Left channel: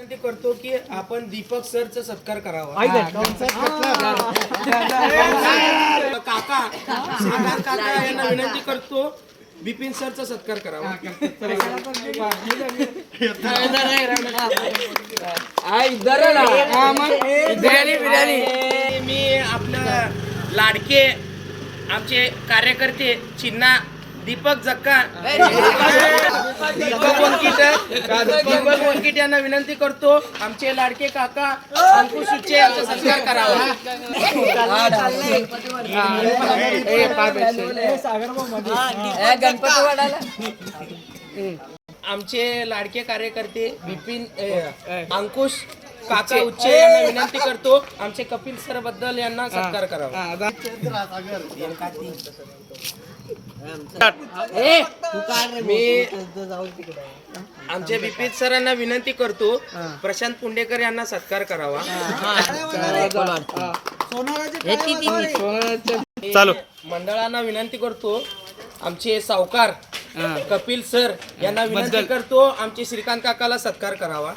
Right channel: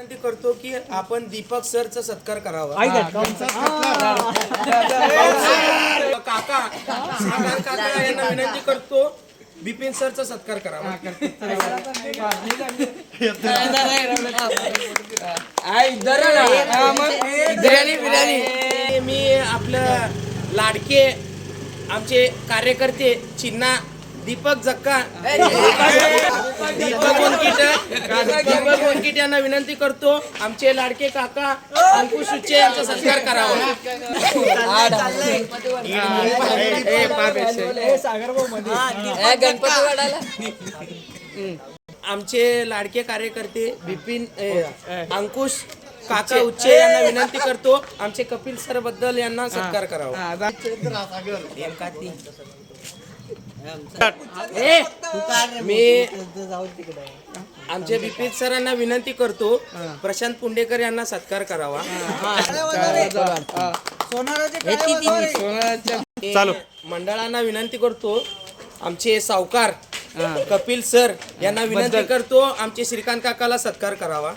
विनंती करतो की आपण दीपक सरचा सत्कार करावा. काका यांना विनंती करतो बिपिन सरचा सत्कार करावा. मी आपलं लाडके आमचे कार्यकर्ते चिन्ना दीपक जक्का दीपक वनकिट यांना विनंती करतो आमचे लाडके काका अंकुश उच्चे यांचा सत्कार करावा. आमचे लाडके कार्यकर्ते बिपिन अंकुश काका उच्चे यांना विनंती करतो आमचे कपिल सर बद्दल यांना सत्कार करावा. मी आमच्या बिपिन सरांना विनंती करतो प्रशांत पुंडेकर यांना सत्कार करावा. चालू मंडळांना विनंती करतो आमचे सावकार कपिल सर यांना विनंती करतो आमचे श्रीकांत काकाला सत्कार करावा.